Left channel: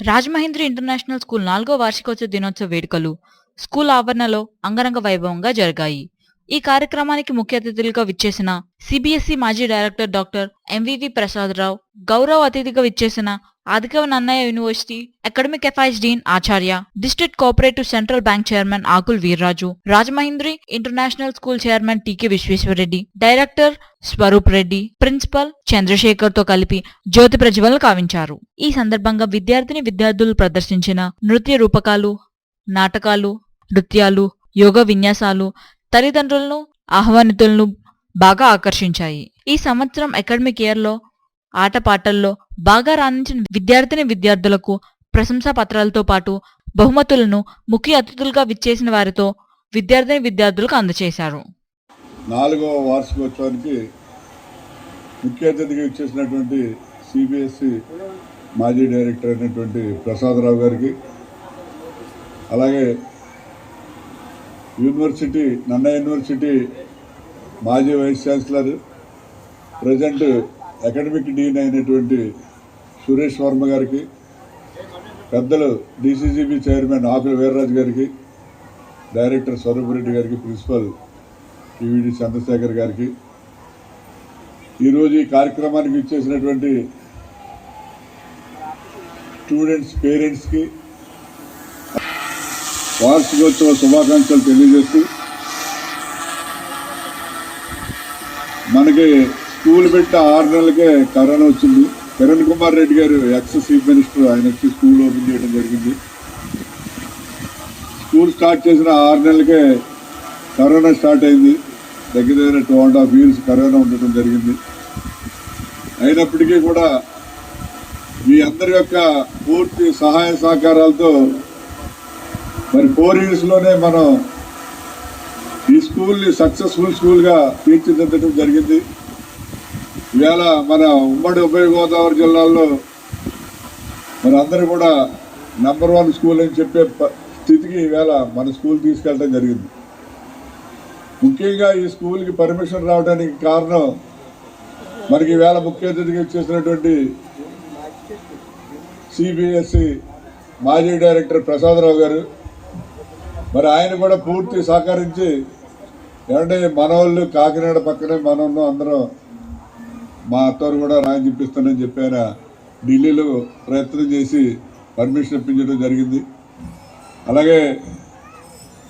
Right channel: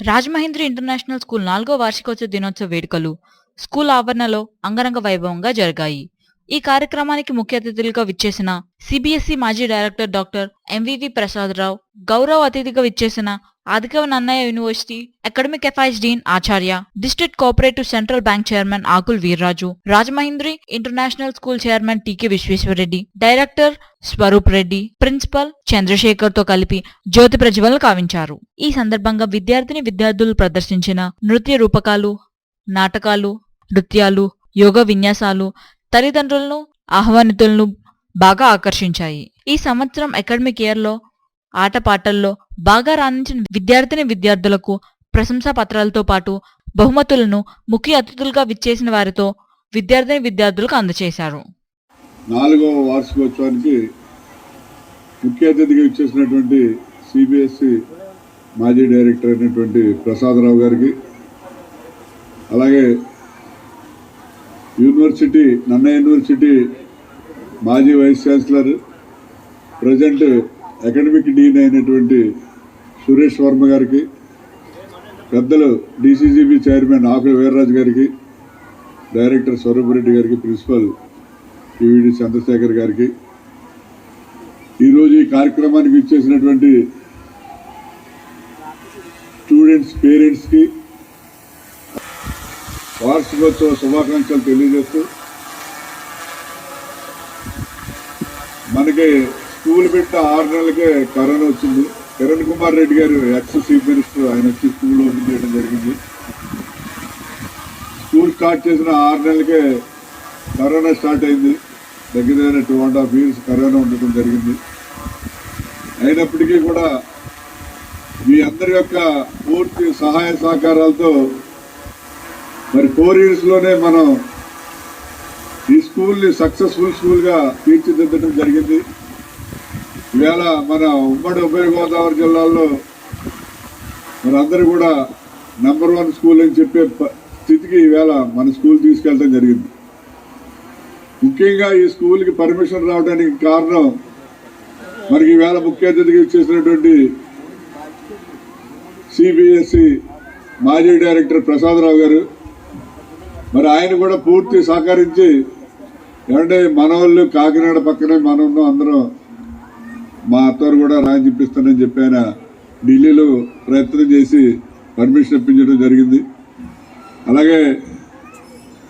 Rajamahendri international school నాలుగో వార్షికోత్సవ దినోత్సవ వేడుకలు స్కూల్ ఆవరణలో అంగరంగ వైభవంగా జరిగాయి. ఈ కార్యక్రమానికి ముఖ్య అతిథులుగా విచ్చేసిన సిబిఎస్ఈ మాజీ డైరెక్టర్ డాక్టర్ ఎంవివి ప్రసాదరావు గౌరవ అతిథిగా విచ్చేసిన Adikavi Nannaya university academic affairs dean ఆచార్య district cooperative central bank chairman Akula Veerraju Rajamahendri international school chairman T K Visweswarareddy director Swaroop Reddy principal చంద్రశేఖర్తో కలిపి జ్యోతి ప్రజ్వలను కావించారు. ఈ సందర్భంగా విద్యార్థిని విద్యార్థులు ప్రదర్శించిన నృత్య రూపకాలు నాటకాలు నృత్యాలు యోగ విన్యాసాలు తల్లిదండ్రులను ఆహ్వానితులను బాగా ఆకర్షించాయి. ఈ సంవత్సరం అకాడమిక్ ఇయర్లో ఆటపాటల్లో బాగా రాణించిన విద్యార్థిని విద్యార్థులకు ప్రశంసా పత్రాలతో పాటు బహుమతులను ముఖ్య అతిథులుగా విచ్చేసిన వారితో విద్యార్థిని విద్యార్థులకు అందజేశారు నాలుగవ వార్షికోత్సవానికి ముఖ్య అతిథిగా ఇచ్చేసినటువంటి సిబిఎస్ఈ మాజీ డైరెక్టర్ అయినటువంటి ప్రసాదరావు గారికి అలాగే యూనివర్సిటీ నన్న యూనివర్సిటీ మాజీ vice chancellor present academic dean అయినటువంటి సురేష్ వర్మ గారికి పెద్దలు డీసీజీబీ చైర్మన్ ఆకుల వీర్రాజు గారికి డైరెక్టర్ స్వరూప్ రెడ్డి గారికి ప్రిన్సిపల్ టీవీడి చంద్రశేఖర్ గారికి. ఈరోజు ఈ కార్యక్రమానికి ఇచ్చేసినటువంటి స్టూడెంట్స్ పేరెంట్స్కి వార్షికోత్సవ శుభాకాంక్షలు తెలియజేస్తూ మనకి స్కూల్ పెట్టి ఆరు నెలలకే కరోనా వచ్చింది. కిరణ్ కుమార్ రెడ్డి గారు ఎక్స్ చీఫ్ మినిస్టర్ ఆయన వచ్చి స్కూల్ ఓపెన్ చేయడం జరిగింది. స్కూల్ స్టార్ట్ చేసిన ఆరు నెలలకే కరోనా స్టార్ట్ అయింది. దగ్గర దగ్గర two and half years corona ఉండటం జరిగింది. అయినప్పటికీ కూడా మీ అందరి యొక్క పూర్తి సహాయ సహకారాలతో మరి ఫోర్ ఇయర్స్లోనే మనం ఈ స్కూల్ని సక్సెస్ఫుల్ స్కూల్గా తీర్చిదిద్దడం జరిగింది. ఈవేళ మన ఉమ్మడి ఉభయ గోదావరి జిల్లాల్లో మరి అందరూ కూడా నెంబర్ వన్ స్కూల్ అని చెప్పే ప- స్థితికి ఈవేళ మన స్కూల్ తీసుకెళ్ళడం జరిగింది. ముఖ్యంగా ఈ స్కూల్కి పర్మిషన్ రావడానికి కారణం మనకి ఈవేళ ముఖ్య అతిథిగా ఇచ్చేసినటువంటి సిబిఎస్ఈ మాజీ డైరెక్టర్ ప్రసాదరావు గారు. మరి ఆయన కూడా పూర్తి సహకరించి ఏమంటే మనవాళ్ళు కాకినాడ పక్కనే మనం అందరం మా అత్తవారు కూడా రాని చెప్పిస్తానని చెప్పి ఆయన ఢిల్లీలో ప్రయత్నం చేసి పర్మిషన్ ఇప్పించడం జరిగింది. అలాగే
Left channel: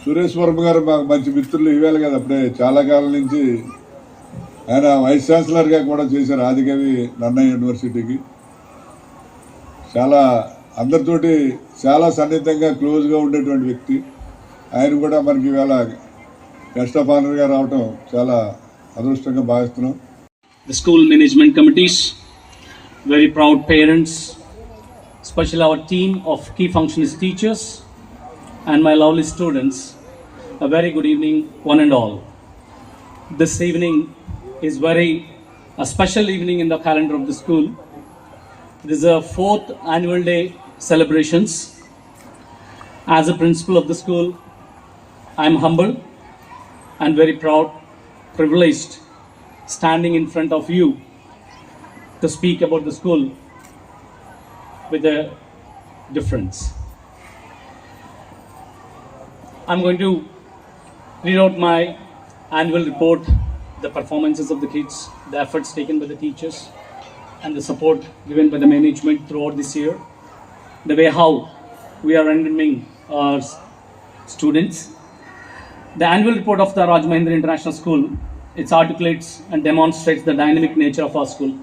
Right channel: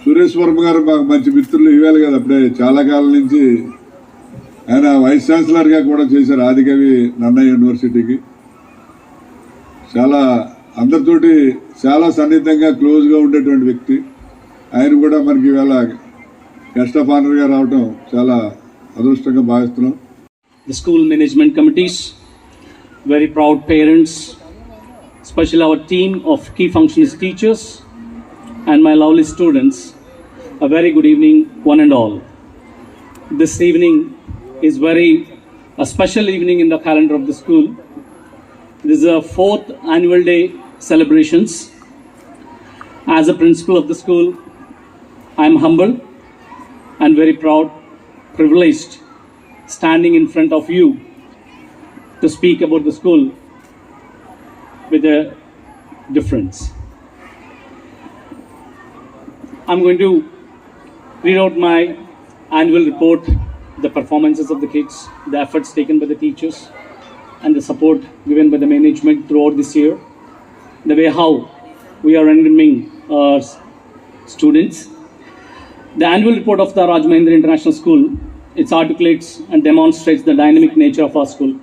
సురేష్ వర్మ గారు మాకు మంచి మిత్రులు ఇవ్వాలి కదా అప్పుడే. చాలా కాలం నుంచి ఆయన వైస్ ఛాన్సలర్గా కూడా చేశారు ఆదికవి నన్నయ్య యూనివర్సిటీకి. చాలా అందరితోటి చాలా సన్నిహితంగా క్లోజ్గా ఉండేటువంటి వ్యక్తి. ఆయన కూడా మనకి ఇవాళ గెస్ట్ ఆఫ్ ఆనర్గా రావటం చాలా అదృష్టంగా భావిస్తున్నాం. The school management committees, very proud parents, especially our team of key functionist teachers, and my lovely students. A very good evening, one and all. This evening is very a special evening in the calendar of the school. This is a fourth annual day celebrations. As a principal of the school, I am humble and very proud, privileged standing in front of you to speak about the school with a difference. I'm going to read out my annual report, the performances of the kids, the efforts taken by the teachers, and the support given by the management throughout this year, the way how we are welcoming our students. The annual report of the Rajmahendra International School, it articulates and demonstrates the dynamic nature of our school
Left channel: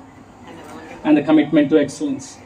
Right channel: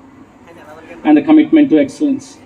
and the commitment to excellence.